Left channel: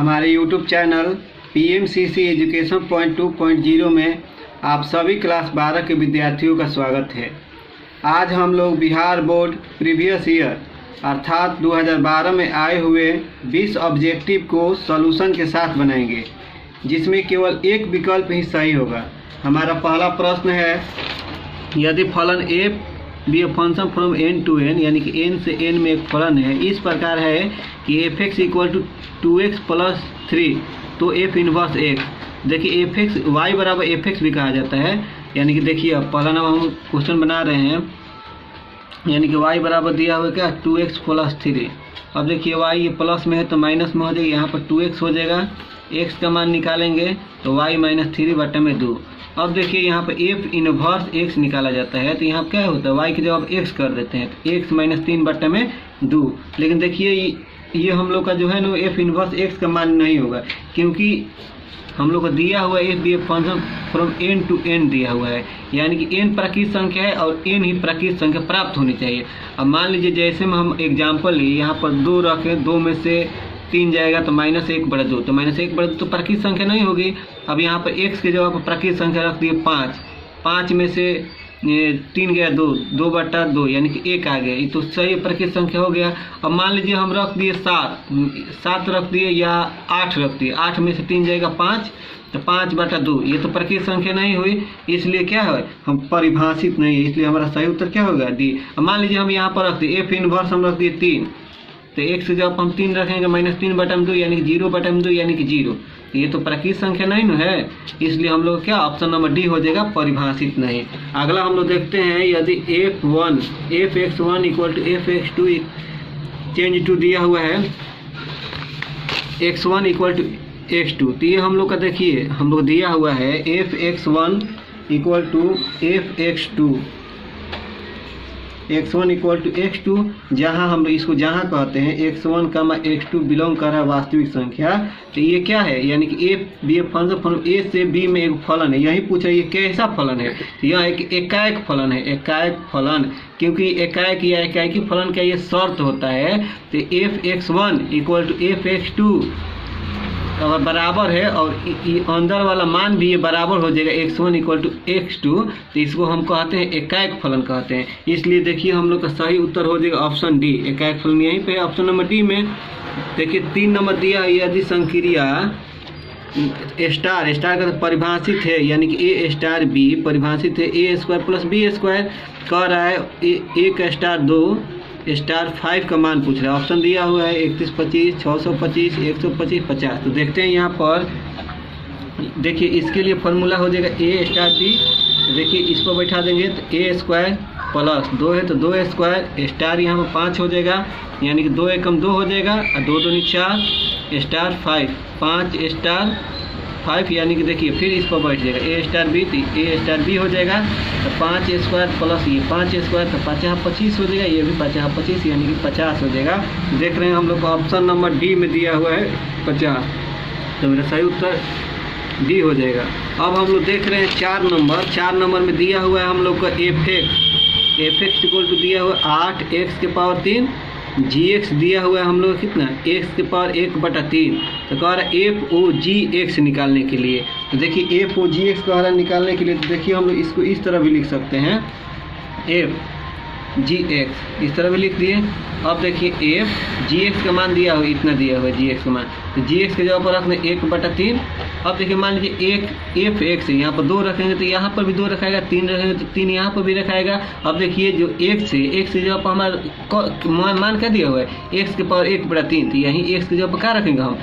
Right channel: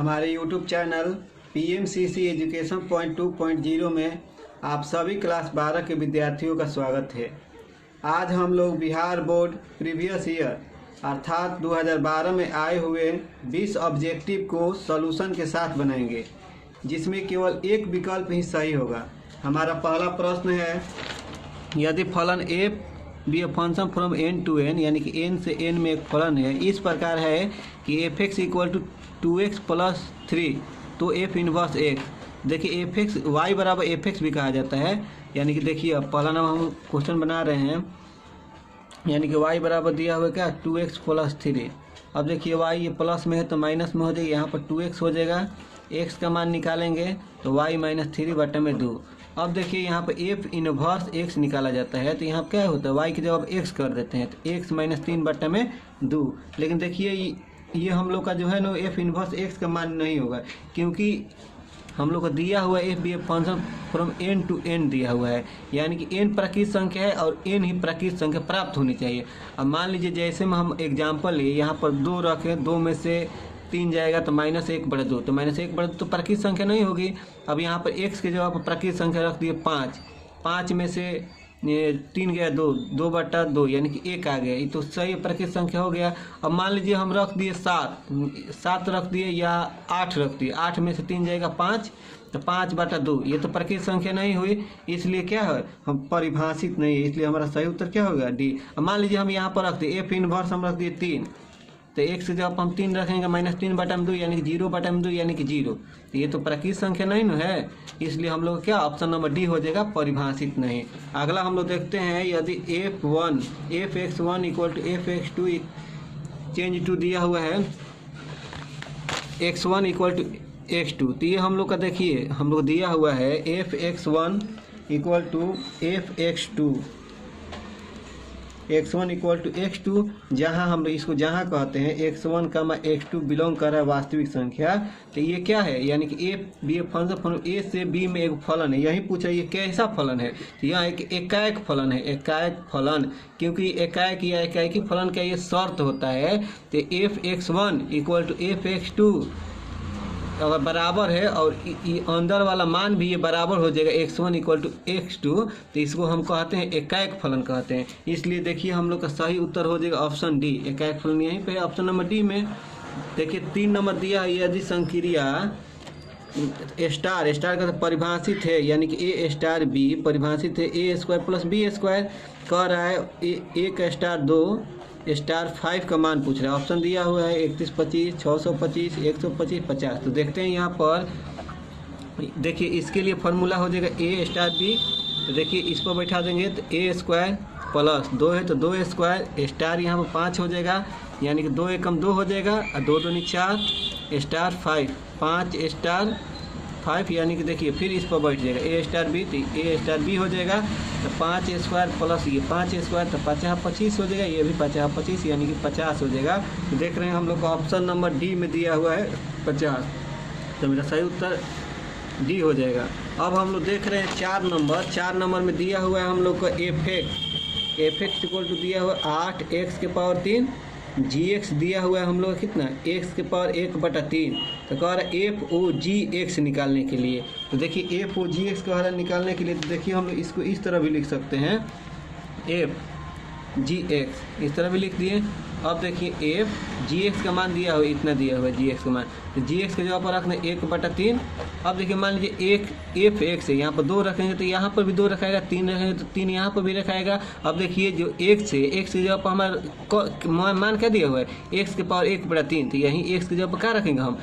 हमारे YouTube channel PMCC education point 2.0 में आप सभी क्लास 12 के विद्यार्थियों का स्वागत है। आज हम लोग बिहार बोर्ड प्रीवियस ईयर अर्थात 2012 में आए हुए 20 ऑब्जेक्टिव को सॉल्यूशन के साथ बनाएंगे, जिसमें केवल एक विकल्प ही सही होगा। हमारा पहला प्रश्न है, यदि फलन f be a function from n to n यानी कि n से n में एक फलन है, इस प्रकार है कि fx equal to 2x plus 3, तो f इनवर्स x। देखिए fx y बराबर fx भी कहा जाता है, यानी कि देखिए अब पहला नाम हम क्वेश्चन बना रहे हैं, यानी कि y बराबर दिया हुआ क्या 2x प्लस 3। अब देखिए y ये प्लस में है तो माइनस में हो जाएगी, यहाँ पर 2x हो जाएगा, x का मान निकालेंगे तो y माइनस 3 बटे में 2। अब देखिए यहाँ पे f इनवर्स x निकाला जाता है, तो यहाँ क्या होता है y की जगह x कर देते हैं, तो x माइनस 3 बटे में 2। लेकिन देखिए ये हम लोग का जो है ना f इनवर्स x का मान नहीं होगा, क्योंकि हम लोग को दिया हुआ f be a function from n to n दिया हुआ है, यानी कि n प्राकृत संख्या है और n ही प्राकृत संख्या प्राप्त होनी चाहिए। अब मान लीजिए जैसे में हम एग्जाम्पल लिए, यहाँ पर 2 रखें, 2 में से 3 जाएगा तो -1/2, तो -1/2 तो प्राकृत संख्या नहीं होगी। अब यहाँ पर x के जगह पर प्राकृत संख्या रख दिए 5, 5 में से 3 गया 2, 2/2 यानी कि 1 आ गया, ये तो सही प्राकृत संख्या हो गया। अब मान लीजिए हम रख दिए 7 रख दिए या 8 रख दिए, 8 में से 3 जाएगा 5, तो 5/2 ये तो प्राकृत संख्या नहीं हुई, इसलिए क्या है हम परिभाषित नहीं है, इसलिए हमारा सही उत्तर क्या होगा डी। अब मान लीजिए हम यहाँ पर रख दिए f इनवर्स हम रख दिए 3, तो x से जब हम 3 रखेंगे -3/2 यानी कि 0/2 यानी कि 0, तो ये तो प्राकृत संख्या नहीं न है, इसलिए हम लोग क्या ऑप्शन नंबर डी हो जाएगा, परिभाषित नहीं। अगला हम लोग देखते हैं, यदि fx1 equal to fx2 change to दिया हुआ है x1 इक्वल टू x2, तो ये हम लोग का देखिए हम लोग दिया हुआ है fx1 equal to fx2, x1 equal to x2, जहाँ हम इसको जहाँ कहते हैं x1 का x2 बिलोंग कर रहा है वास्तविक संख्या, तो ये क्या है, यानी कि f be a function from a से b में एक फलन है। यही पूछ रहा है ये कैसा फलन है, तो यह एक एकाएक फलन है, एकाएक फलन, क्योंकि एकाएक या एकाएकी फलन का ये शर्त होता है। तो fx1 इक्वल टू fx2 अगर बराबर है और अंदर वाला मान भी ये बराबर हो जाएगा x1 इक्वल टू x2, तो इसको हम कहते हैं एकाएक फलन कहते हैं। इसलिए देखिए हम लोग का सही उत्तर हो जाएगा ऑप्शन डी, एकाएक फलन। यहीं पे ऑप्शन नंबर डी में देखिए 3 नंबर दिया है, यदि संक्रिया स्टार का परिभाषित है, यानी कि a स्टार b परिभाषित है a² प्लस b² कह रहा है a*2 स्टार 5 का मान पूछ रहा है। ऑप्शन दिया हुआ है 31, 25, 625, 125, 50। तो देखते हैं यहाँ पर, देखिए इसके लिए फॉर्मूला हो जाएगा a स्टार b, देखिए इसको बैठा देंगे तो a² प्लस 2 है तो 2² स्टार यहाँ पर 5 हो जाएगा, यानी कि 2 एकम 2 हो जाएगा और 2 दूनी 4 स्टार 5, 5 स्टार 5, यानी कि देखिए फिर इस पर बैठ जाएगा a स्टार b, तो a स्टार b हो जाएगा, तो 5² प्लस ये 5² तो 50 हो जाएगा, ये भी 50 यानी कि 50 हो जाएगा। देख रहे हैं हम लोग को ऑप्शन नंबर डी में दिया हुआ है 50, तो मेरा सही उत्तर डी हो जाएगा। अब हम लोग देख रहे हैं 4 नंबर में दिया हुआ है हम लोग का fx इक्वल टू दिया हुआ 8x⁻3 gx दिया हुआ है हम लोग कितना x⁻1/3, तो कह रहा है f(o(gx) निकालने के लिए। तो देखिए f(o(gx) कह रहा है निकालने के लिए, तो देखिए हम लोग इसको इस तरह भी लिख सकते हैं f(gx) इस तरह भी लिख दिए। अब देखिए f(gx) का मान दिया हुआ इतना दिया हुआ है gx का मान, तो gx के जगह पर रखना 1/3। अब देखिए मान लीजिए fx है, यहाँ पर 2 रखेंगे तो यहाँ पर भी 2 रखाएगा, 3 रखेंगे तो 3 यहाँ पर भी रखाएगा। अब देखिए जो x के जगह पर हमारा मान क्या दिया हुआ है x⁻1/3, तो यहीं x के जगह पर क्या रखेंगे हम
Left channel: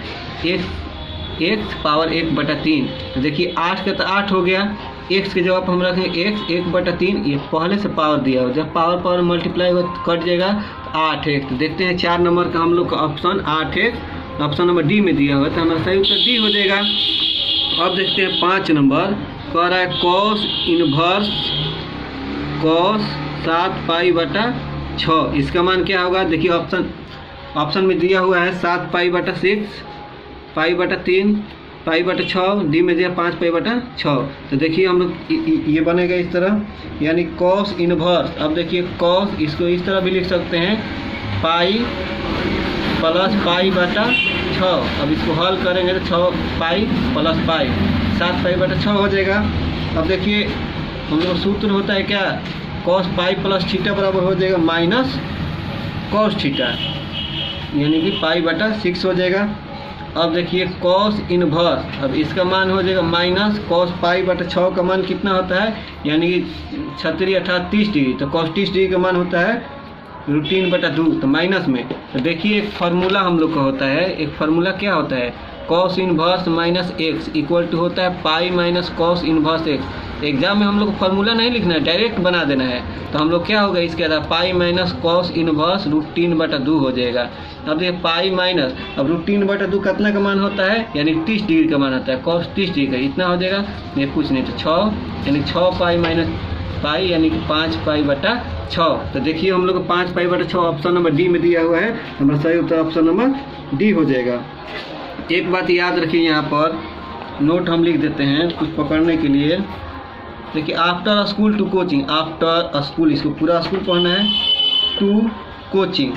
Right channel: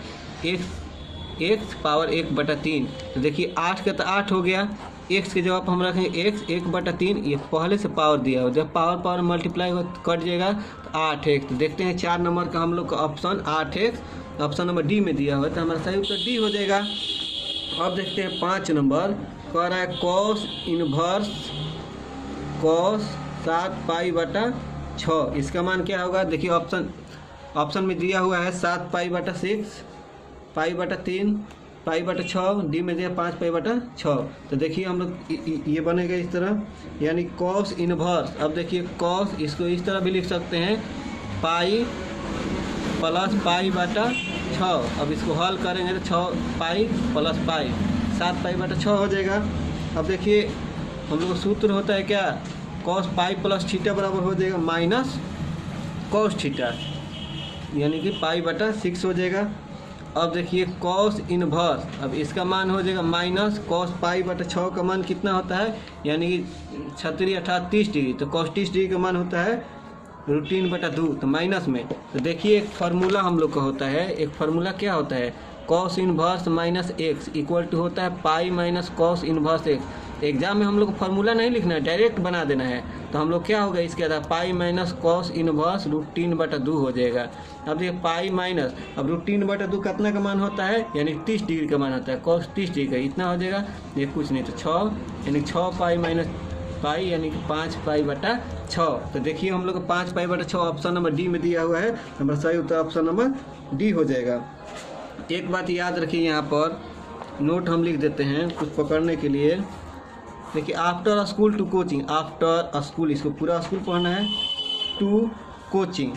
x⁻1/3। तो देखिए 8 का तो 8 हो गया, x के जगह पर हम रखेंगे x 1/3, ये पहले से पावर दिया हो, जब पावर मल्टीप्लाई हो कट जाएगा तो 8x। तो देखते हैं 4 नंबर का हम लोग का option 8x option number D में दिया हुआ है, तो हमारा सही उत्तर डी हो जाएगा। अब देखते हैं 5 नंबर कह रहा है cos इनवर्स cos 7π/6, इसका मान क्या होगा, देखिए ऑप्शन में दिया हुआ है 7π/6, π/3, π/6, डी में दिया 5π/6। तो देखिए हम लोग ये बनेगा इस तरह, यानी cos इनवर्स। अब देखिए cos इसको इस तरह भी लिख सकते हैं पाई प्लस π/6 6। अब इसको हल करेंगे तो 6 पाई प्लस पाई 7 पाई बटा 6 हो जाएगा। अब देखिए हम लोग सूत्र होता है क्या, कॉस पाई प्लस थीटा बराबर हो जाएगा माइनस कॉस थीटा, यानी कि पाई बटा 6 हो जाएगा। अब देखिए कॉस इनवर्स, अब इसका मान हो जाएगा माइनस कॉस पाई बटा 6 का मान कितना होता है, यानी कि 36 अर्थात 30 डिग्री, तो कॉस 30 डिग्री का मान होता है √3/2, तो माइनस में। तो देखिए एक फार्मूला हम लोग का होता है, एक फार्मूला क्या होता है, cos inverse minus x equal to होता है pi minus cos inverse x. Exam में हम लोग को फार्मूला नहीं लिखना है, डायरेक्ट बना देना है। तो हम लोग क्या होगा इसके अंदर पाई माइनस कॉस इनवर्स √3/2 हो जाएगा। अब देखिए पाई माइनस, अब √3/2 कितना का मान होता है, यानी 30 डिग्री का मान होता है, कॉस 30 डिग्री का इतना हो जाएगा, ये कुछ नहीं तो 6, यानी 6 पाई माइनस पाई यानी कि 5 पाई बटा 6। तो देखिए हम लोग को 5 पाई बटा 6 ऑप्शन नंबर डी में दिया हुआ है, हमारा सही उत्तर ऑप्शन नंबर डी हो जाएगा। एक बात याद रखिए, यहाँ पर नोट हम लिख देते हैं कुछ पकड़ने के लिए। देखिए after school to coaching, after school इसको पूरा स्कूल पढ़ना है, टू कोचिंग।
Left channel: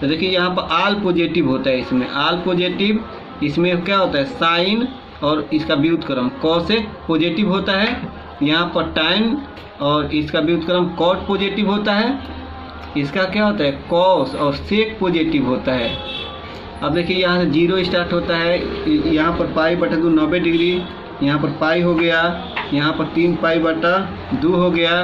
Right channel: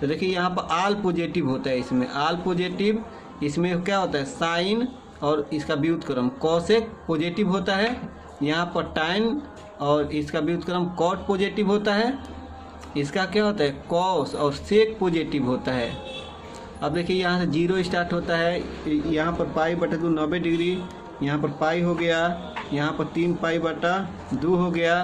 तो देखिए यहाँ पर आल पॉजिटिव होता है, इसमें आल पॉजिटिव, इसमें क्या होता है साइन और इसका व्युत्क्रम कॉसेक पॉजिटिव होता है, यहाँ पर टाइन और इसका व्युत्क्रम कॉट पॉजिटिव होता है, इसका क्या होता है कॉस और सेक पॉजिटिव होता है। अब देखिए यहाँ से 0 स्टार्ट होता है, यहाँ पर पाई बटा 2 90 डिग्री, यहाँ पर पाई हो गया, यहाँ पर 3 पाई बटा 2 हो गया।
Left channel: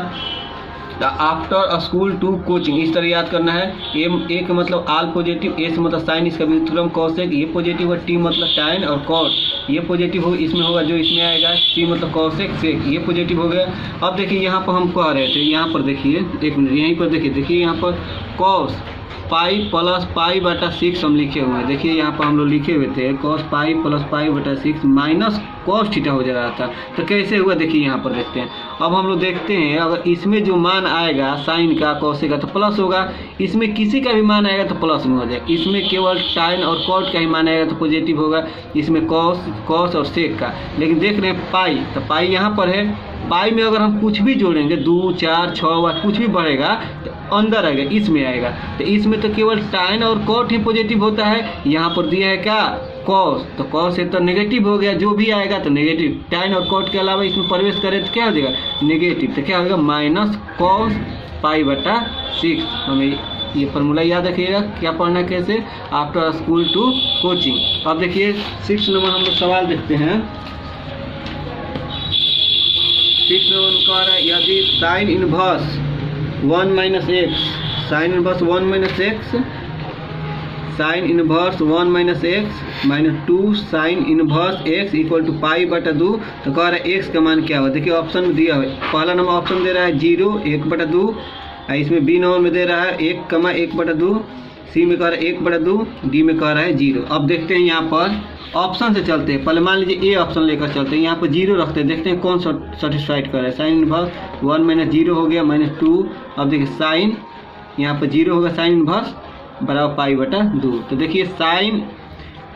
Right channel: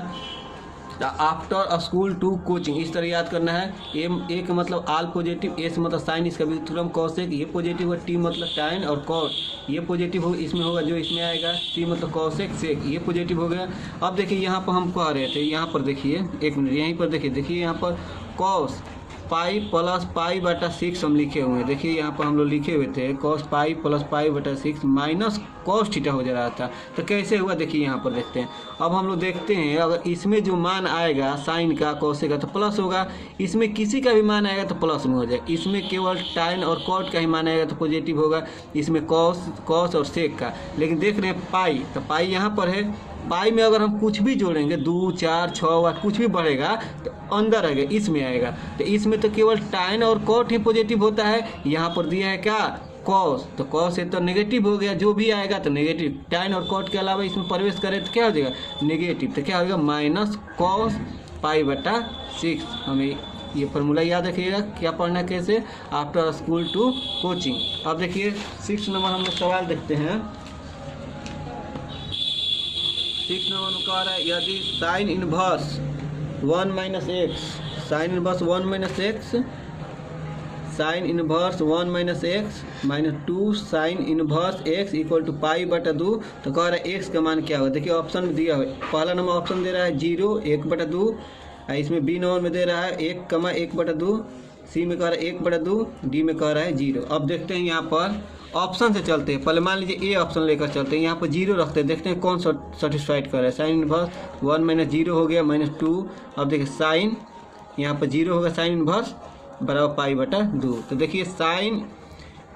आफ्टर स्कूल टू कोचिंग इस तरह याद करना है। ए का मतलब आल पॉजिटिव, ए से मतलब साइन, इसका व्युत्क्रम कॉसेक, ये पॉजिटिव है, टी मतलब टाइन और कॉट ये पॉजिटिव हो इसमें होगा जो इसमें आएगा, सी मतलब कॉसेक सेक ये पॉजिटिव हो गया। अब देखिए यहाँ पर हम कह रहे थे, यहाँ पर देखिए एक मिनट, यहीं पर देखिए यहाँ पर कॉस पाई प्लस पाई बटा 6 हम लिखे हुए हैं। देखिए यहाँ पर हम लोग लिखे हुए थे कॉस पाई प्लस पाई बटा 6 माइनस कॉस थीटा हो जा रहा था। तो कैसे हुआ देखिए यहाँ पर देखते हैं। अब हम लोग देखते हैं अगर इसमें जो मान आएगा साइन का कॉसेक का तो प्लस होगा, इसमें किसी का भी मान आएगा तो प्लस में हो जाएगा, इसमें केवल टाइन और कॉट का ही मान आएगा तो पॉजिटिव होगा, इसमें कॉस और सेक का। लेकिन देख रहे हैं पाई, तो पाई यहाँ पर है, पाई में अगर हम कुछ भी जोड़ेंगे 2 4 6 कुछ भी बढ़ेगा तो अंदर आएगा, इसमें आएगा। तो इसमें तो केवल टाइन और कॉट ही पॉजिटिव होता है, यहाँ पर दिया है क्या कॉस, तो कॉस है तो नेगेटिव हो गया, जो भी आएगा तो नेगेटिव, टाइन और कॉट के अलावा इसमें प्रवेश करे तो क्या हो जाएगा नेगेटिव, तो क्या होगा माइनस कॉस पाई बटा 6। हमें ये फार्मूला याद रखिएगा, क्या पढ़ना है कैसे, आफ्टर स्कूल टू कोचिंग। अब देखिए 6 नंबर हम लोग सवाल देखते हैं। 6 नंबर में कह रहा है यदि sine inverse 1 minus x, sine inverse 1 minus x, sine inverse 1 minus x minus 2 sine inverse x equal to pi बटा 2, तो कह रहा है एक्स का मान क्या हुआ। देखिए ऑप्शन में दिया हुआ है, पहला नंबर ऑप्शन दे रहा है 0 1/2, इसमें बी नंबर में दे रहा है 1,1/2, सी में कह रहा है 1/2, डी में कह रहा है 0। अब देखते हैं यहाँ पर ऑप्शन से चलते हैं, पहले मान लीजिए ए ऑप्शन लेकर चलते हैं, यहाँ पर 0 रखते हैं, देखते हैं कौन सेटिस्फाइड कर रहा है। साइन इनवर्स 1 माइनस 0 हो गया माइनस 2, अब देखिए साइन यहाँ पर 0 होगा, साइन इनवर्स बराबर पाई बटा 2। तो देखिए साइन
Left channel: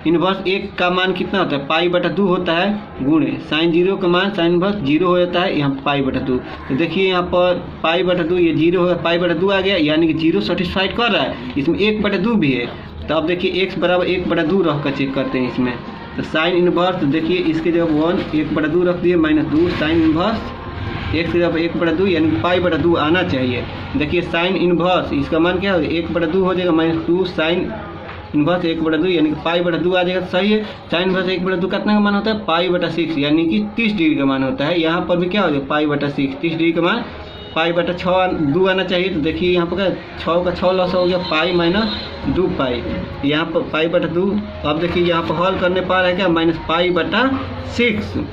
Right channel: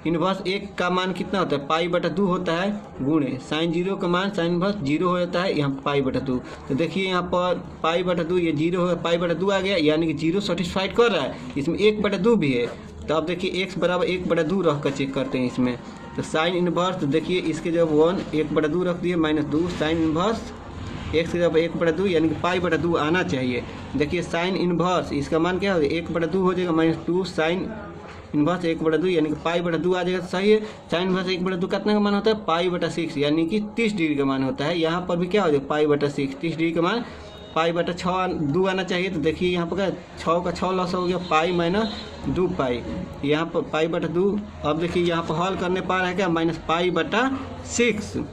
इनवर्स 1 का मान कितना होता है पाई बटा 2 होता है, गुणे साइन 0 का मान साइन इनवर्स 0 हो जाता है, यहाँ पाई बटा 2। तो देखिए यहाँ पर पाई बटा 2 ये 0 हो गया, पाई बटा 2 आ गया, यानी कि 0 सेटिस्फाइड कर रहा है, इसमें 1/2 भी है। तो अब देखिए x बराबर 1/2 रख कर चेक करते हैं इसमें, तो साइन इनवर्स, तो देखिए इसके जब 1/2 रख दिए माइनस 2 साइन इनवर्स x की जब 1/2 यानी कि पाई बटा 2 आना चाहिए। देखिए साइन इनवर्स इसका मान क्या हो जाएगा 1/2 हो जाएगा माइनस 2 साइन इनवर्स 1/2 यानी कि पाई बटा 2 आ जाएगा, सही है। साइन इनवर्स 1/2 कितना का मान होता है पाई बटा 6 यानी कि 30 डिग्री का मान होता है। यहाँ पर भी क्या हो जाएगा पाई बटा 6 30 डिग्री का मान पाई बटा 2 आना चाहिए। तो देखिए यहाँ पर क्या 6 का 6 लॉस हो गया, पाई माइनस 2 पाई, यहाँ पर पाई बटा 2। अब देखिए यहाँ पर हॉल करने पा रहा है क्या माइनस पाई बटा 6।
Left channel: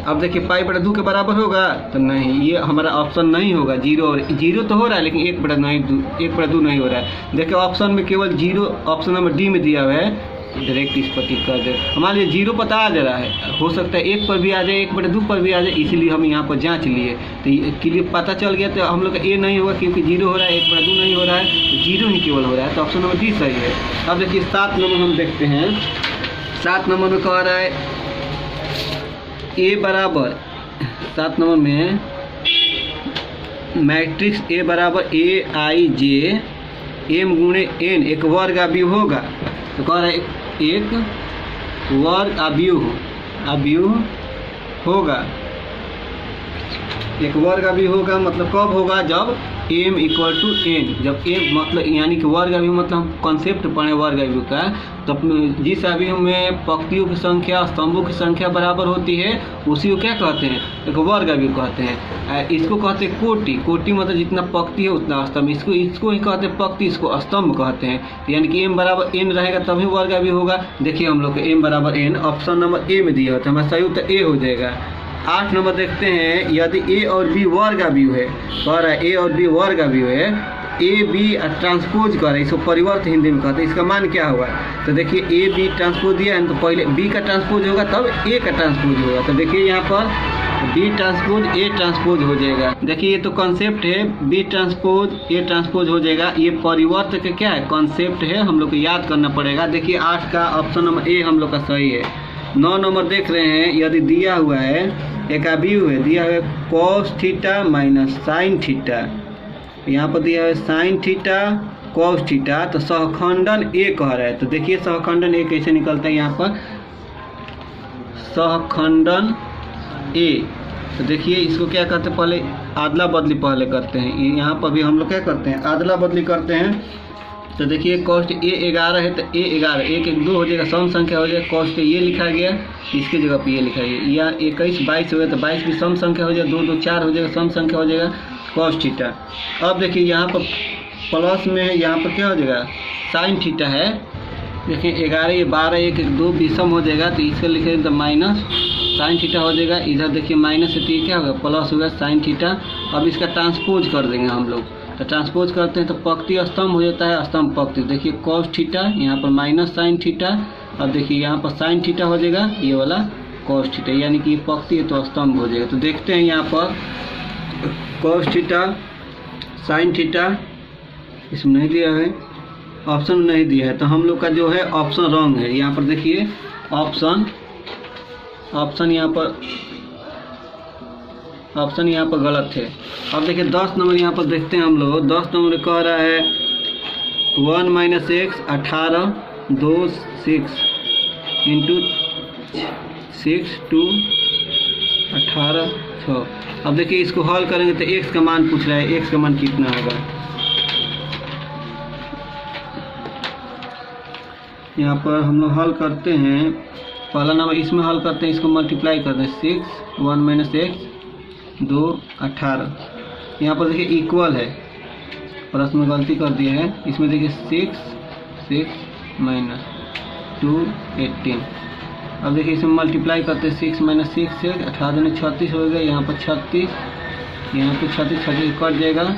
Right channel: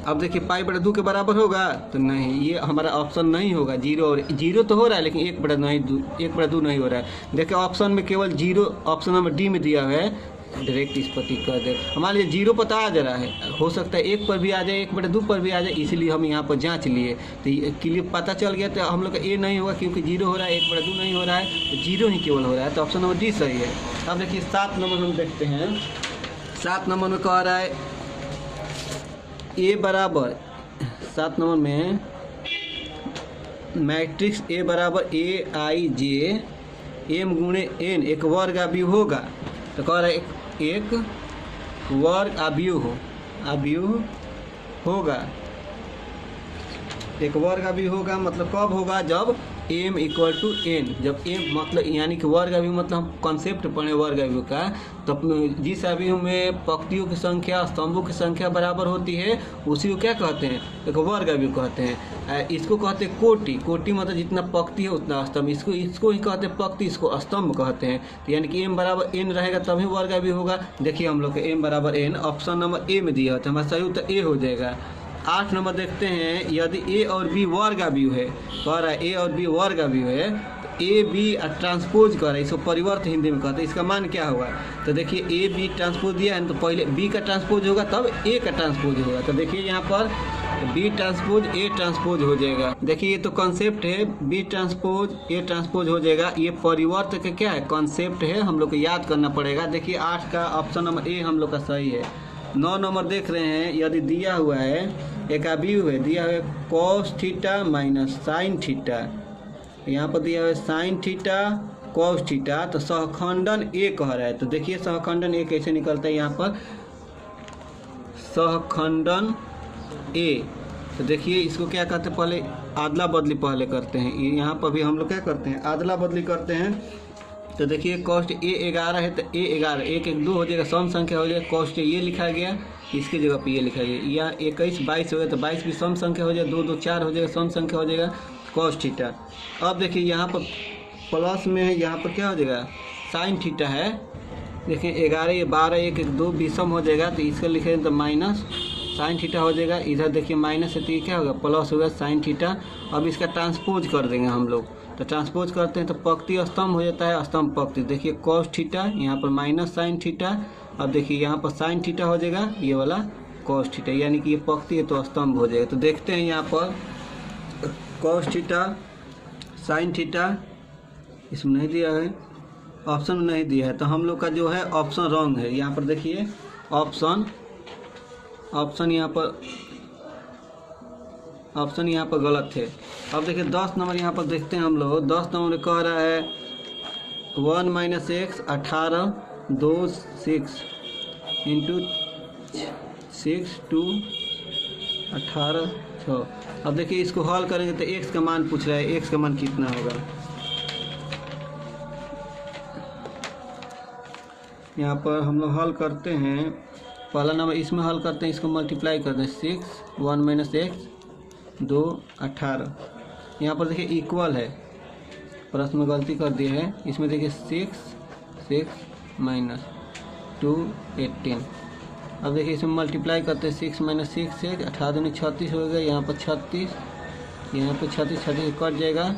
अब देखिए पाई बटा 2 के बराबर होगा तो नहीं, ये हमारा ऑप्शन नहीं होगा, 0 तो हो रहा है लेकिन 1/2 नहीं हो रहा है। देखिए ऑप्शन में केवल 0 ऑप्शन नंबर डी में दिया हुआ है, डायरेक्ट इस पर टिक कर दे, हमारे लिए 0 पता आ जा रहा है, हो सकता है 1 पर भी आ जाए 1/2 पर भी आ जाए, इसलिए हम यहाँ पर जांच लिए तो क्लियर पता चल गया। तो हम लोग का ए नहीं होगा क्योंकि 0 हो रहा है 1/2 नहीं हो रहा है, तो 0 ही केवल हो रहा है, तो ऑप्शन नंबर डी सही है। अब देखिए 7 नंबर हम देखते हैं। 7 नंबर में कह रहा है ए बराबर 7 नंबर में मैट्रिक्स ए बराबर AIJ m गुणे n एक वर्ग अवयव होगा। तो कह रहा है एक वर्ग अवयव होगा। एक वर्ग अवयव होगा मतलब कब होगा, जब m इक्वल टू n, जब m मतलब यानी कि वर्ग अवयव मतलब हम कॉन्सेप्ट पढ़े वर्ग अवयव का, तब जिस अवयव में पंक्तियों की संख्या स्तंभों की संख्या बराबर होती है उसी को क्या कहते हैं, एक वर्ग अवयव कहते हैं। इसको कहते हैं कोटि मतलब जितना पंक्ति है उतना स्तंभ, इसको ही कहते हैं पंक्ति, इसको स्तंभ कहते हैं। तो यानी कि m बराबर n रहेगा तभी वर्ग अवयव होगा। देखिए हम लोग को m बराबर n ऑप्शन नंबर ए में दिया होता है, हमारा सही उत्तर ए हो जाएगा। 8 नंबर देखते हैं, यदि a और b वर्ग अवयव है, कह रहा है a और b वर्ग अवयव है, ए बी ट्रांसपोज कर रहा है, इसको परिवर्त हिंदी में कहते हैं, इसका मान क्या होगा। तो देखिए ए बी ट्रांसपोज दिया है तो पहले b का ट्रांसपोज होगा तब a का ट्रांसपोज होगा। तो देखिए यहाँ पर b ट्रांसपोज a ट्रांसपोज हो जाएगा। देखिए ये तो कॉन्सेप्ट है, b ट्रांसपोज a ट्रांसपोज हो जाएगा। ये परिवर्त का क्या है, कॉन्सेप्ट है, हम लोग को याद करना पड़ेगा। देखिए 8 का ऑप्शन नंबर ए हम लोग का सही है। 9 नंबर देख रहे हैं, यदि दिया हुआ है एक अवयव है, दिया हुआ है cos theta minus sine theta, यहाँ पर दिया है साइन थीटा कॉस थीटा, तो सहखंडन ए कह रहा है। तो देखिए सहखंडन ए कैसे निकलता है, यहाँ पर सहखंडन ए। तो देखिए इसको क्या कहते हैं, पहले आदला बदली पहले करते हैं, यहाँ पर भी हम लोग क्या करते हैं, आदला बदली करते हैं। तो देखिए कॉस्ट ए 11 है तो ए 11 1 1 2 हो जाएगा, सम संख्या हो जाएगा, कॉस्ट ये लिखा गया, इसकी जगह पे ये लिखा गया, या 21 22 हो गया तो 22 भी सम संख्या हो जाएगा, 2 2 4 हो जाएगा, सम संख्या हो जाएगा कॉस थीटा। अब देखिए यहाँ पर प्लस में है, यहाँ पर क्या हो जाएगा साइन थीटा है। देखिए 11 ये 12 1 1 2 विषम हो जाएगा, तो इसका लिखेंगे तो माइनस साइन थीटा हो जाएगा। इधर देखिए माइनस है तो ये क्या होगा प्लस होगा साइन थीटा। अब इसका ट्रांसपोज कर देंगे हम लोग, तो ट्रांसपोज करते हैं तो पंक्ति स्तंभ हो जाता है, स्तंभ पंक्ति। देखिए कॉस थीटा यहाँ पर माइनस साइन थीटा, अब देखिए यहाँ पर साइन थीटा हो जाएगा, ये वाला कॉस थीटा, यानी कि ये पंक्ति है तो स्तंभ हो जाएगा। तो देखते हैं यहाँ पर कॉस थीटा साइन थीटा इसमें नहीं दिया है, ऑप्शन नहीं दिया है, तो हम लोग का जो है ऑप्शन रॉन्ग है। यहाँ पर देखिए ऑप्शन यहाँ पर गलत है। अब देखिए 10 नंबर यहाँ पर देखते हैं हम लोग, 10 नंबर कह रहा है 1 माइनस एक्स 18 2 6 इंटू 6 2 18 6। अब देखिए इसको हल करेंगे तो एक्स का मान पूछ रहा है, एक्स का मान कितना होगा। यहाँ पर हम लोग हल करते हैं, पहला नंबर इसमें हल करते हैं, इसको मल्टीप्लाई करते हैं 6 1 माइनस एक्स 2 18। यहाँ पर देखिए इक्वल है, प्रश्न में गलती कर दिए है, इसमें देखिए 6 माइनस 2 18। अब देखिए इसमें मल्टीप्लाई करते हैं 6 माइनस 6 से 18 36 हो गया, यहाँ पर 36, यहाँ पर 36 कट जाएगा।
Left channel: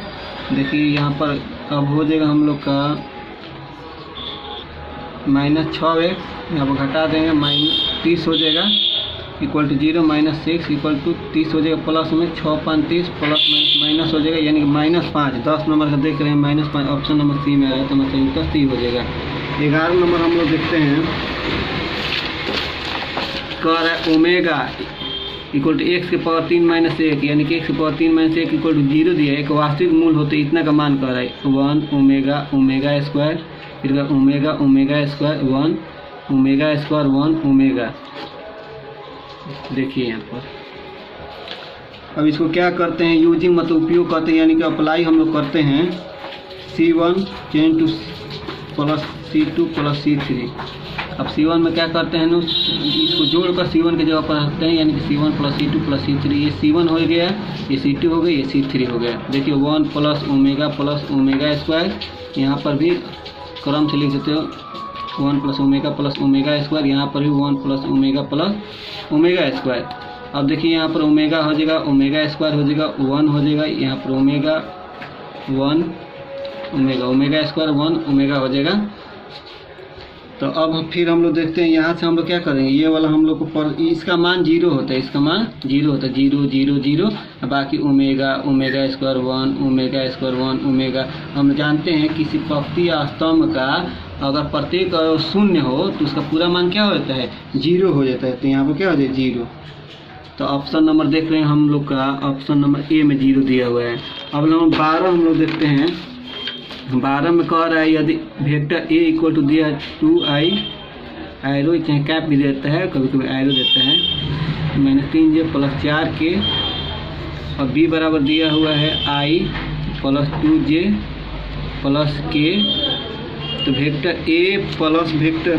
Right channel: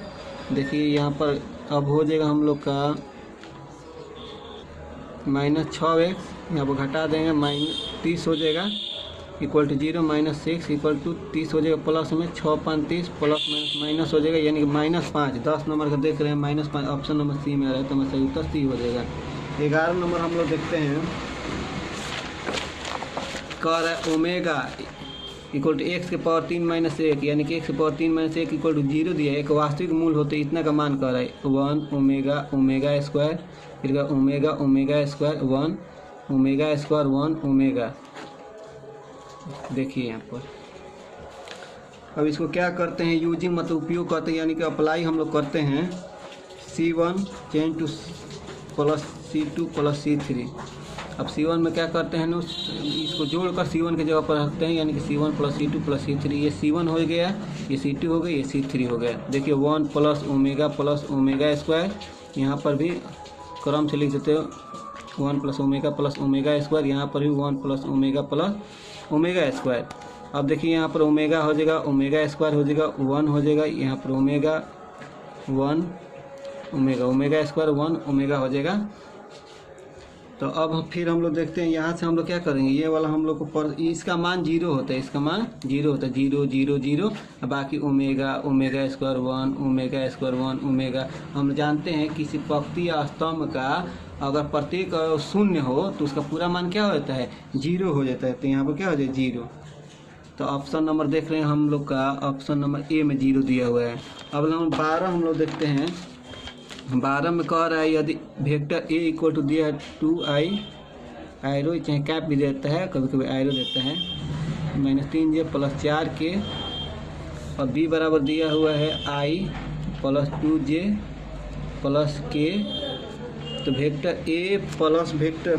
देखिए यहाँ पर अब हो जाएगा हम लोग का माइनस 6x, यहाँ पर घटा देंगे माइनस 30 हो जाएगा, equal to 0 minus 6 equal to 30 हो जाएगा, प्लस में 6 5 30 प्लस माइनस हो जाएगा, यानी कि -5। 10 नंबर का देख रहे हैं -5, ऑप्शन नंबर सी में है तो मतलब उत्तर सी हो जाएगा। 11 नंबर हम लोग देखते हैं, कह रहा है ओमेगा इक्वल टू x के पावर 3 माइनस 1, यानी कि x के पावर 3 माइनस 1 इक्वल टू 0 दिया है, एक वास्तविक मूल होते इतना का मान कर रहा है 1 ओमेगा स्क्वायर, फिर omega square 1 omega square 1 omega. देखिए यहाँ पर अब इसको क्या करते हैं, यूजिंग मतलब उपयोग करते हैं, यानी कि अप्लाई हम लोग करते हैं C1 change two plus C2 plus C3। अब C1 में क्या करते हैं, इसको जोड़कर C1 की जगह पर रखते हैं, यानी कि C1 plus C2 plus C3। ये C1 हो गया, ये C2 हो गया, ये C3 हो गया। देखिए 1 प्लस ओमेगा स्क्वायर, यहाँ पर भी क्रम से लिख देते हो 1 प्लस ओमेगा स्क्वायर, यहाँ पर भी 1 प्लस ओमेगा स्क्वायर। अब देखिए यहाँ पर ओमेगा हो जाएगा, ओमेगा स्क्वायर हो जाएगा 1 हो जाएगा, यहाँ पर ओमेगा 1 ओमेगा स्क्वायर 1 ओमेगा हो जाएगा। तो अब फिर हम लोग देखते हैं, यहाँ से हम लोग क्या करेंगे, ये वाला हम लोग को इसका मान 0 होता है, इसका मान 0 होता है, 0 0 0, बाकी omega square 1 omega square 1 omega. हम जानते हैं किसी पंक्ति या स्तंभ का अगर प्रत्येक शून्य हो तो उसका पूरा मान क्या होता है 0 हो जाता है, तो यहाँ पर क्या हो जाए 0। तो ऑप्शन नंबर देख रहे हैं हम लोग का, ऑप्शन नंबर ए में 0 दिया हुआ है। अब नंबर 12 हम लोग देखते हैं, 12 में कह रहा है यदि वेक्टर ए इक्वल टू दिया है 2i एरो चाहे कैप भी देता है, कभी कभी एरो देता है। -3j + 4k और b बराबर दिया हुआ है i + 2j + k। तो vector a plus vector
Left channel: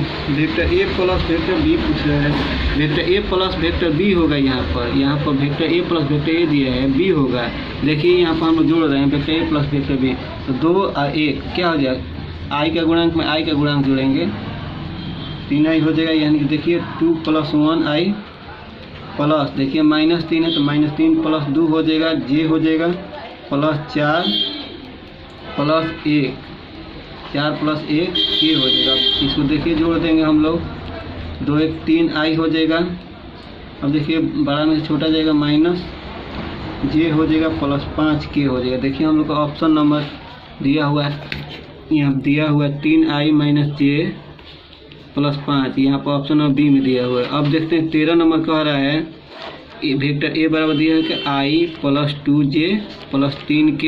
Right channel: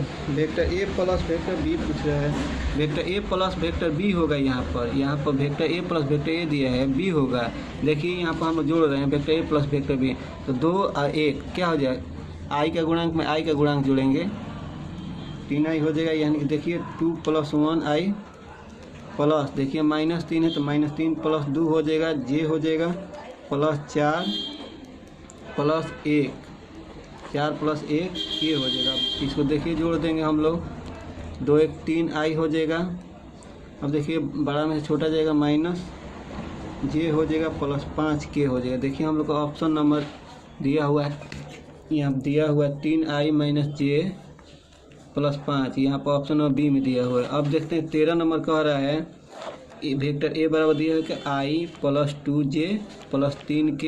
a plus vector b पूछ रहा है। Vector a plus vector b होगा। यहाँ पर vector a plus vector a दिया है, b होगा। देखिए यहाँ पर हम लोग जोड़ रहे हैं vector a plus vector b। तो 2 और 1 क्या हो जाएगा, i का गुणांक में i का गुणांक जोड़ेंगे, 3i हो जाएगा। यानी कि देखिए 2 + 1i प्लस, देखिए -3 है तो -3 + 2 हो जाएगा, j हो जाएगा +4 + 1, 4 + 1 k हो जाएगा। इसको देखिए जोड़ देंगे हम लोग, 2 1 3i हो जाएगा। अब देखिए बड़ा में से छोटा जाएगा, माइनस j हो जाएगा +5k हो जाएगा। देखिए हम लोग का ऑप्शन नंबर दिया हुआ है, यहाँ दिया हुआ है 3i - j +5, यहाँ पर ऑप्शन नंबर बी में दिया हुआ है। अब देखते हैं 13 नंबर कह रहा है वेक्टर a बराबर दिया है कि i + 2j + 3k।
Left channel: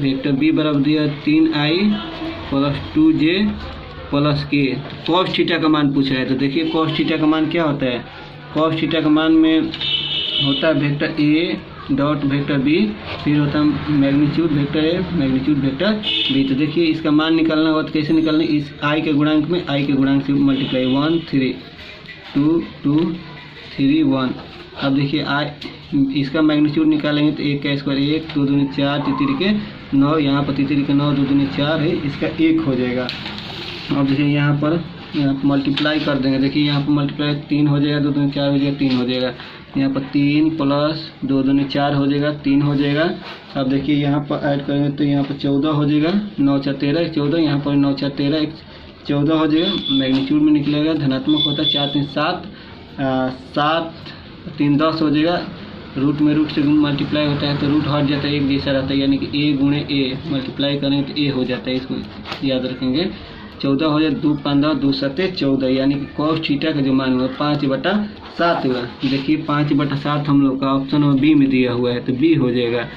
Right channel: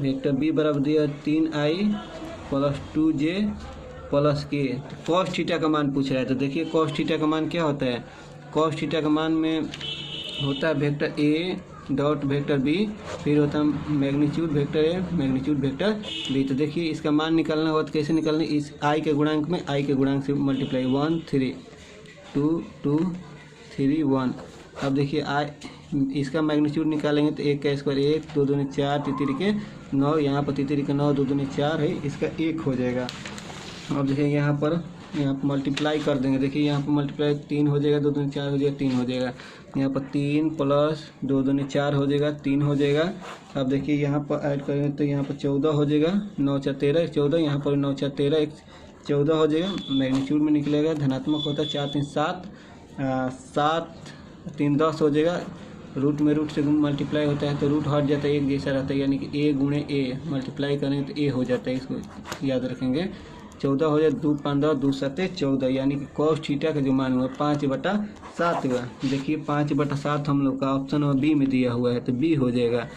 Vector b बराबर दिया है 3i + 2j + k। cos theta का मान पूछ रहा है। तो देखिए cos थीटा का मान क्या होता है, cos थीटा का मान में होता है vector a dot vector b, फिर होता है magnitude vector a magnitude vector b। तो देखिए इसका मान निकालना होगा तो कैसे निकालना, इस i के गुणांक में i के गुणांक से मल्टीप्लाई, 1 3 2 2 3 1। अब देखिए इसका मैग्नीट्यूड निकालेंगे तो 1 का स्क्वायर 1, 2 दूनी 4, तीसरी के 9, यहाँ पर तीसरी के 9, 2 दूनी 4 है, इसका 1 हो जाएगा। अब देखिए यहाँ पर मल्टीप्लाई कर देंगे। देखिए यहाँ पर मल्टीप्लाई 3 हो जाएगा, 2 दूनी 4 हो जाएगा, 3 हो जाएगा। यहाँ पर 3 + 2 दूनी 4 हो जाएगा, 3 हो जाएगा। अब देखिए यहाँ पर ऐड करेंगे तो यहाँ पर 14 हो जाएगा, 9 4 13 14, यहाँ पर 9 4 13 14 हो जाएगा। मैग्नीट्यूड में निकलेगा, धनात्मक होता है, 4 3 7 7 3 10 हो जाएगा। रूट में रूट से मल्टीप्लाई होता है तो रूट हट जाता है, एक जैसा रहता है, यानी कि a × a मल्टीप्लाई करेंगे तो a हो जाता है, इसको याद रखेंगे। 14 हो जाए, 2 15 2 7 14, यानी कि cos थीटा का जो मान हुआ 5/7 हुआ। देखिए 5/7 हम लोग का ऑप्शन नंबर बी में दिया हुआ है, तो बी हो जाएगा।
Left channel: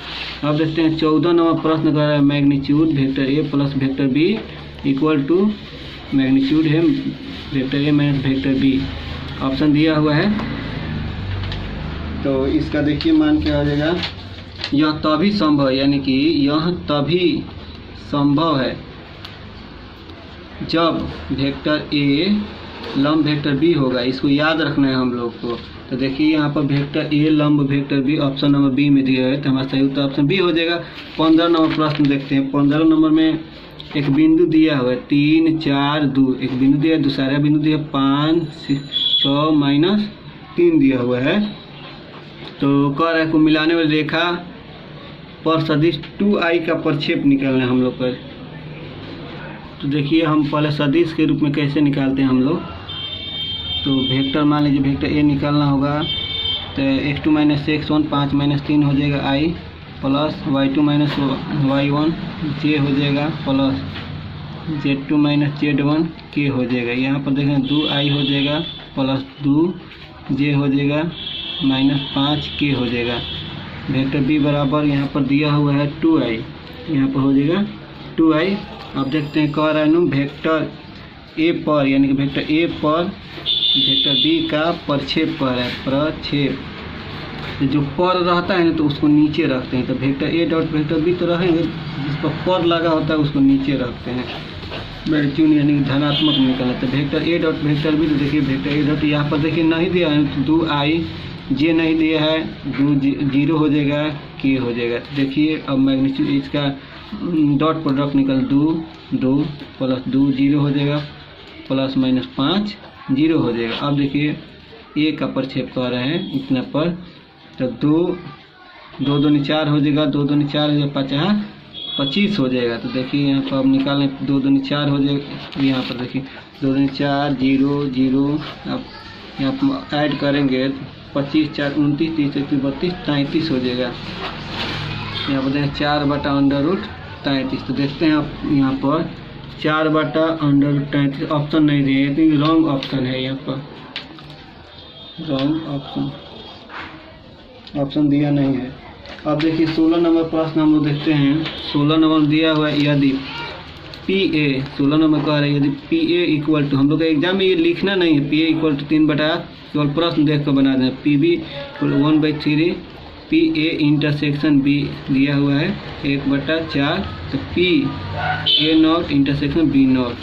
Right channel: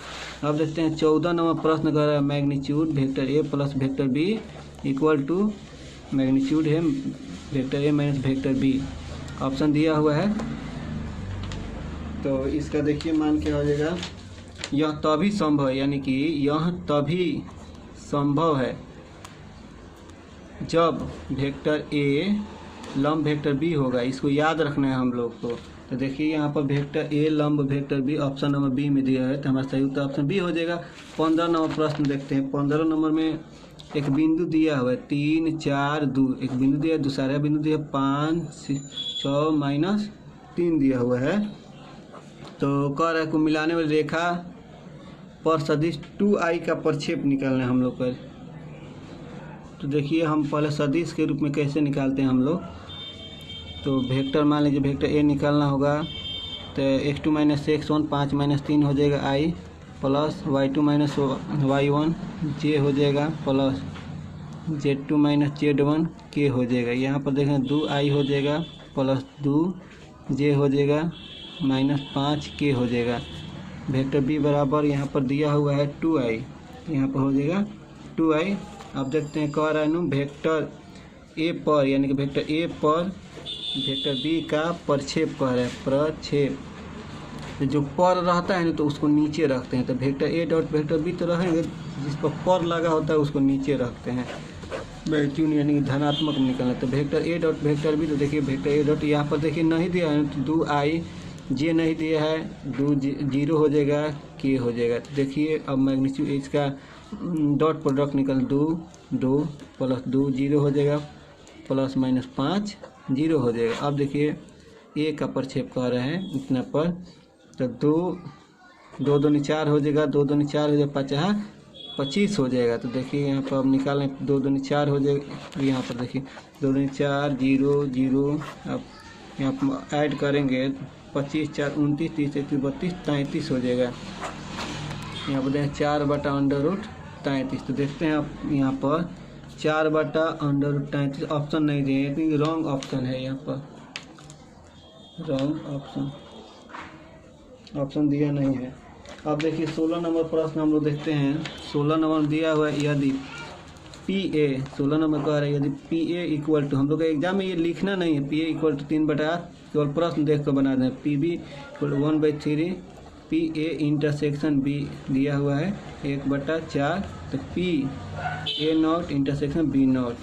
अब देखते हैं 14 नंबर प्रश्न कर रहा है magnitude vector a + vector b = magnitude है vector a - vector b, option दिया हुआ है। तो इसका देखिए मान क्या हो जाएगा, यह तभी संभव है, यानी कि यह तभी संभव है जब वेक्टर a लंब वेक्टर b होगा। इसको याद रखना है हम लोग को। तो देखिए यहाँ पर वेक्टर a लंब vector b option number B में दिया है, तो हमारा सही उत्तर ऑप्शन बी हो जाएगा। 15 नंबर प्रश्न देखते हैं। 15 नंबर में एक बिंदु दिया हुआ है 3 4 2, एक बिंदु दिया है, दूसरा बिंदु दिया 5 6 -3 दिया हुआ है। तो कह रहा है को मिलाने वाली रेखा पर सदिश 2i का प्रक्षेप निकालना है हम लोग पर। तो देखिए हम पहले सदिश के रूप में कैसे निकालते हैं हम लोग। तो वेक्टर मान लीजिए वेक्टर a निकालना होगा, तो x2 - x1 5 - 3 हो जाएगा i, plus y2 - y1 j हो जाएगा, प्लस z2 - z1 k हो जाएगा। यहाँ पर देखें 2i हो जाएगा, प्लस 2j हो जाएगा, -5k हो जाएगा। वेक्टर b बराबर यहाँ पर दिया हुआ है 2i, यहाँ पर हो जाएगा 2i। अब देखते हैं कह रहा है वेक्टर a पर, यानी कि वेक्टर a पर वेक्टर b का प्रक्षेप कर रहा है, प्रक्षेप। तो जो पर रहता है ना तो उसको नीचे रखते हैं। तो vector a dot vector b तो रहेंगे, जिस पर लगा होता है उसको नीचे रखते हैं, मैग्नीट्यूड यानी धनात्मक निकलना। तो vector a dot vector b, तो देखिए वेक्टर a डॉट यहाँ पर देखिए नहीं दिया है, 2i j नहीं दिया है, 2 0 हो जाएगा, k हो जाएगा। तो देखिए अब मैग्नीट्यूड इसका डॉट प्रोडक्ट निकल 2 2 + 2 0 हो जाएगा, प्लस -5 0 हो जाएगा। अब देखिए a का प्रक्षेप कर रहे हैं इतना पर, तो 2 दूनी 4 हो जाएगा, 2 दूनी 4 हो जाएगा, 25 हो जाएगा। तो देखिए यहाँ पर अब निकालें 2 दूनी 4 हो जाएगा, यहाँ पर देखिए 2 दूनी 4 0 0। अब यहाँ पर ऐड करेंगे 25 4 29 30 31 32 33 हो जाएगा। यहाँ पर देखें 4/√33। तो देखते हैं आप यहाँ पर 4/√33 ऑप्शन नहीं दिए, क्योंकि रॉन्ग ऑप्शन है, यहाँ पर रॉन्ग ऑप्शन दिया नहीं है। अब देखिए 16 नंबर प्रश्न हम लोग देखते हैं। 16 नंबर दिया हुआ है, यदि पी ए 16 नंबर कह रहे हैं यदि पी ए इक्वल टू, हम लोग का एग्जाम में ये लिखना नहीं है, पी ए इक्वल टू 3/8 केवल प्रश्न देख कर बना दें। P B equal 1/3 P A intersection B दिया हुआ है 1/4, तो P A not intersection B not,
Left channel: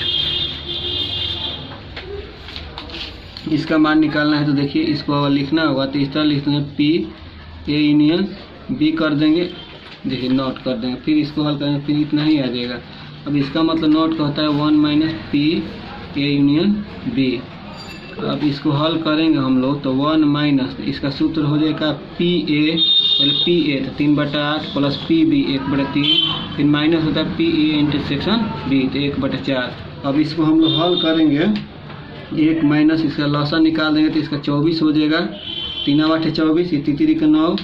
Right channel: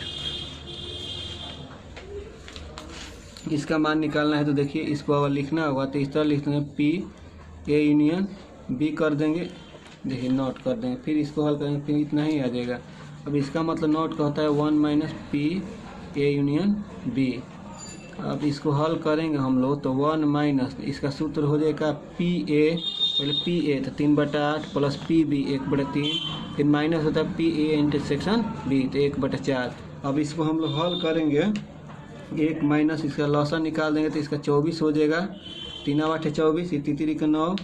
इसका मान निकालना है। तो देखिए इसको अगर लिखना होगा तो इस तरह लिखते हैं, पी ए यूनियन बी कर देंगे, देखिए नॉट कर देंगे, फिर इसको हल करेंगे, फिर इतना ही आ जाएगा। अब इसका मतलब नॉट का होता है 1 - पी ए यूनियन बी। अब इसको हल करेंगे हम लोग तो 1 - इसका सूत्र हो जाएगा पी ए, पहले पी ए तो 3/8 प्लस पी बी 1/3, फिर माइनस होता है पी ए इंटरसेक्शन बी तो 1/4। अब इसको हम लोग हल करेंगे, 1 माइनस इसका लॉसा निकाल देंगे तो इसका 24 हो जाएगा, 3 × 8 = 24, ये 3 × 9,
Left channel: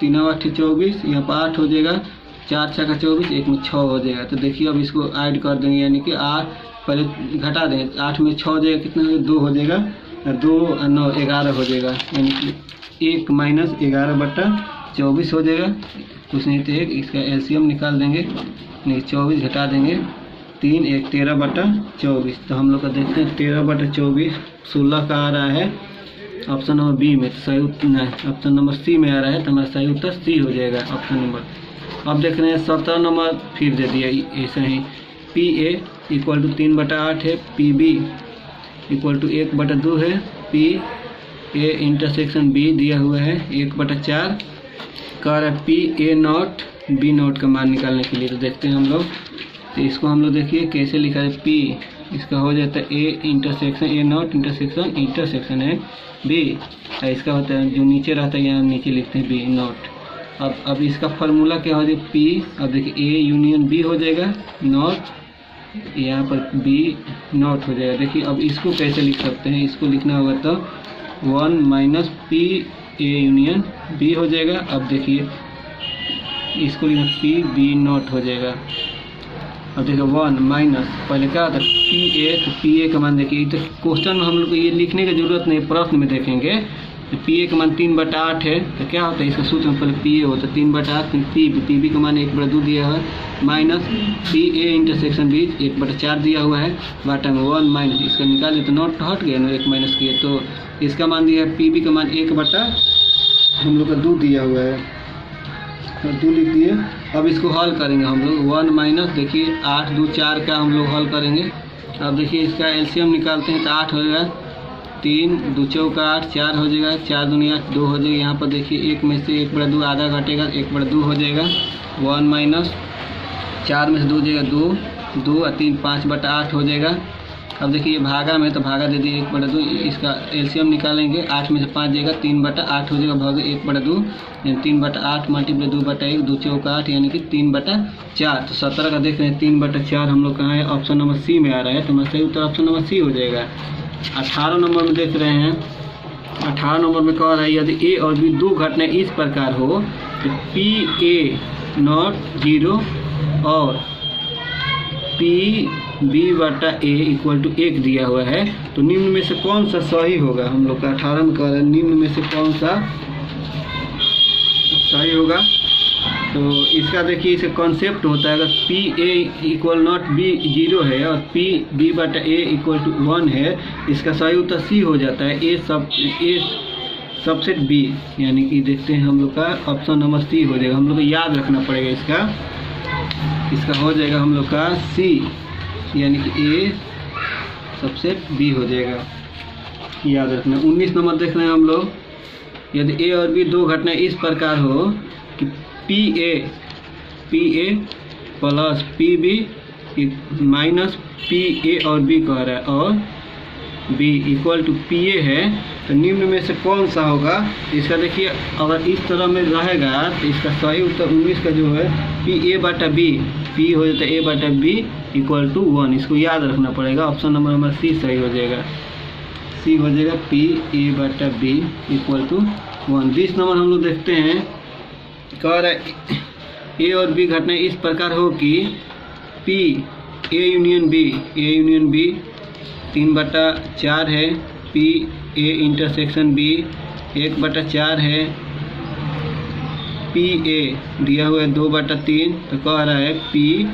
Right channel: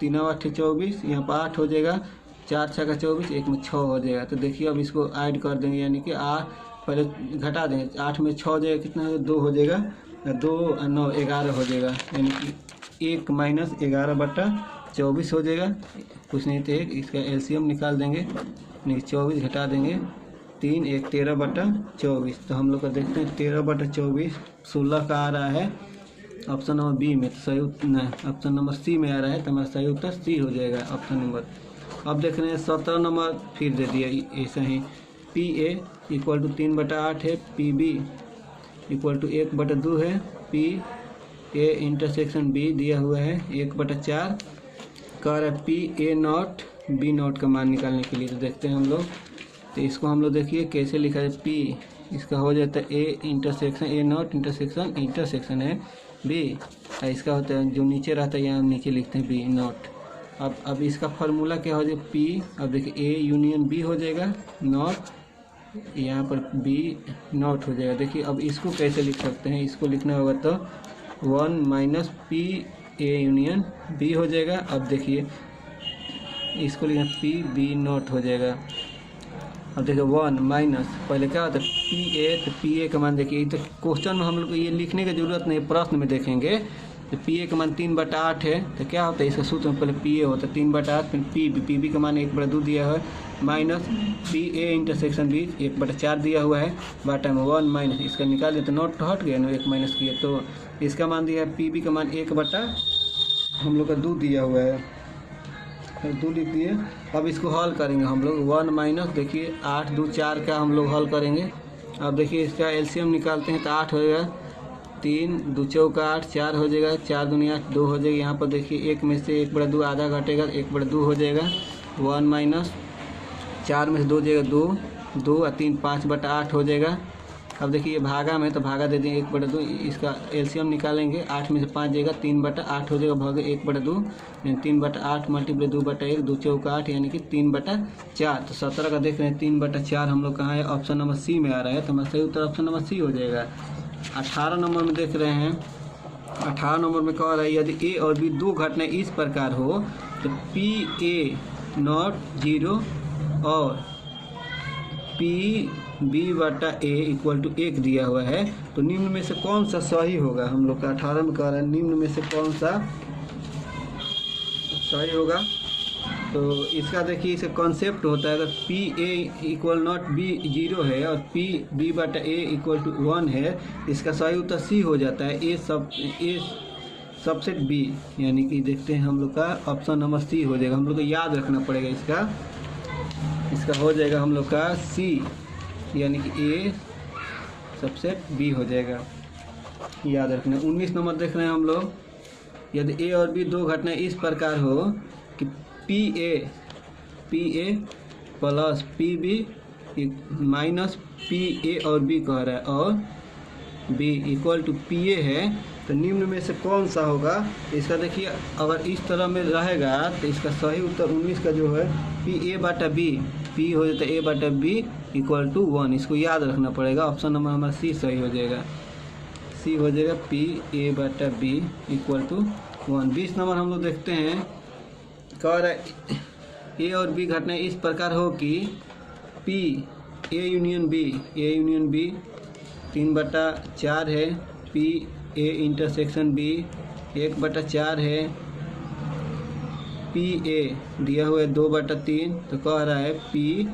3 × 8 = 24, यहाँ पर 8 हो जाएगा, 4 × 6 = 24, 1 में 6 हो जाएगा। तो देखिए अब इसको ऐड कर देंगे, यानी कि 8 पहले घटा देंगे, 8 में 6 हो जाएगा, कितना हो 2 हो जाएगा, 2 और 9 11 हो जाएगा, यानी कि 1 - 11/24 हो जाएगा। कुछ नहीं तो एक इसका एलसीएम निकाल देंगे, नहीं 24 घटा देंगे, 3 × 1 = 13/24। तो हम लोग का देखते हैं 13/24 16 का आ रहा है ऑप्शन नंबर बी में, तो सही नहीं, ऑप्शन नंबर सी में आ रहा है, तो हमारा सही उत्तर सी हो जाएगा ऑप्शन नंबर। अब देख रहे हैं 17 नंबर फिर दे दिया ऐसा ही, पी ए इक्वल टू 3/8 है, पी बी इक्वल टू 1/2 है, पी ए इंटरसेक्शन बी दिया हुआ है 1/4, कह रहा है P A not be not का मान निकालने के लिए। तो देखते हैं हम लोग, तो इसको हम लोग देखिए कैसे लिखा है, पी इसका हो जाता है A intersection A not intersection है बी, इसका होता है जो नीचे रहता है यहाँ नीचे लिखते हैं बी नॉट। अब इसका फार्मूला क्या हो जाएगा, पी, अब देखिए ए यूनियन बी हो जाएगा नॉट, यहाँ पर बी नॉट हो जाएगा। देखिए अब इसको कैसे लिख सकते हैं, इसको लिखना होगा तो 1 - पी ए यूनियन बी हो जाएगा। अब देखिए इसको लिखना पी बी नॉट हो जाएगा। अब देखिए 1 - पहले क्या होता है पी ए, तो पी ए का मान देखिए, तो क्वेश्चन में हम लोग को ये लिखने की जरूरत नहीं, प्रश्न में देखेंगे तो पी ए का मान 3/8 है, तो क्या होता है इसका सूत्र में पहले पी ए होता है 3/8, फिर पी बी का मान 1/2 दिया है, minus P A intersection B 1/4 दिया हुआ है, बाटा में 1 - इसका निकाले तो नॉट हट गया ना, 1 माइनस किए तो इसका मान दिया है पी बी का मान 1/, हम लोग का 2 दिया हुआ है, 2 लिख दिए। अब इसको हल करेंगे हम लोग, 1 - देखिए 8 × 2 = 4 का हम लोग हल करेंगे। अब देखिए इसका एलसीएम निकालते हैं तो 8 होएगा, 3 × 2 = 8, 4 हो जाएगा, 4 × 2 = 8, 2 हो जाएगा। यहाँ पर देखिए 1 में से 1/2 आधा घटेगा, 1/2 हो जाएगा, 1 - 4 में से 2 जाएगा 2 और 3 5/8 हो जाएगा। अब देखिए ये भागा में तो भागा दे दिए 1/2, इसका एलसीएम निकालेंगे, 8 में से 5 जाएगा, 3/8 हो जाएगा, भाग 1/2, यानी 3/8 × 2/1, 2 × 4 = 8, यानी कि 3/4। तो 17 का देख रहे हैं 3/4 हम लोग कहाँ है, ऑप्शन नंबर सी में आ रहा है, तो हमारा सही उत्तर ऑप्शन नंबर सी हो जाएगा। 18 नंबर में देख रहे हैं, 18 नंबर में कह रहा है यदि ए और बी 2 घटनाएं इस प्रकार हो तो पी ए नॉट 0 और पी b/a = 1 दिया हुआ है, तो निम्न में से कौन सा सही होगा। हम लोग का 18 में कह रहे हैं निम्न में से कौन सा सही होगा। तो इसका देखिए इसका कॉन्सेप्ट होता है, अगर पी ए = नॉट बी 0 है और पी b/a = 1 है, इसका सही उत्तर सी हो जाता है, ए सबसेट बी, यानी कि देखते हैं हम लोग का ऑप्शन नंबर सी हो जाएगा। हम लोग को याद रखना पड़ेगा, इसका हो जाएगा हम लोग का सी, यानी कि ए सबसेट बी हो जाएगा, याद रखना। 19 नंबर देख रहे हैं हम लोग, यदि ए और बी 2 घटनाएं इस प्रकार हो कि P A plus P B minus P A और बी कह रहा है, और बी = पी ए है, तो निम्न में से कौन सा होगा। इसका देखिए अगर इस तरह में रहेगा तो इसका सही उत्तर 19 का जो है पी ए/बी, पी हो जाता है a/b = 1, इसको याद रखना पड़ेगा। ऑप्शन नंबर हमारा सी सही हो जाएगा, सी हो जाएगा पी a/b = 1। 20 नंबर हम लोग देखते हैं, कह रहा है ए और बी घटनाएं इस प्रकार हो कि पी ए यूनियन बी 3/4 है, पी ए इंटरसेक्शन बी 1/4 है, पी ए दिया हुआ है 2/3, तो कह रहा है पी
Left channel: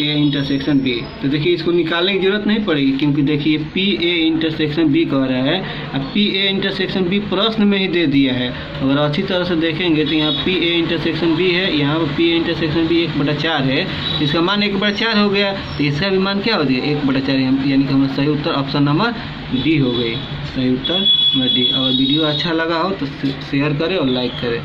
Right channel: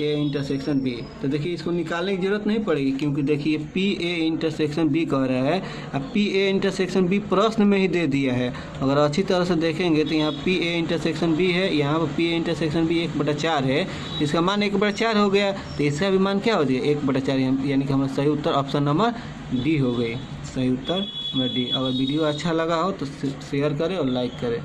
ए इंटरसेक्शन बी। तो देखिए इसको निकालने की जरूरत नहीं पड़ेगी, क्योंकि देखिए पी ए इंटरसेक्शन बी कह रहा है। अब पी ए इंटरसेक्शन बी प्रश्न में ही दे दिया है। अगर अच्छी तरह से देखेंगे तो यहाँ पी ए इंटरसेक्शन बी है, यहाँ पर पी ए इंटरसेक्शन बी 1/4 है, इसका मान 1/4 हो गया। तो इसका भी मान क्या हो गया 1/4, यानी कि हमारा सही उत्तर ऑप्शन नंबर डी हो गई। सही उत्तर नंबर डी। अगर वीडियो अच्छा लगा हो तो शेयर करें और लाइक करें।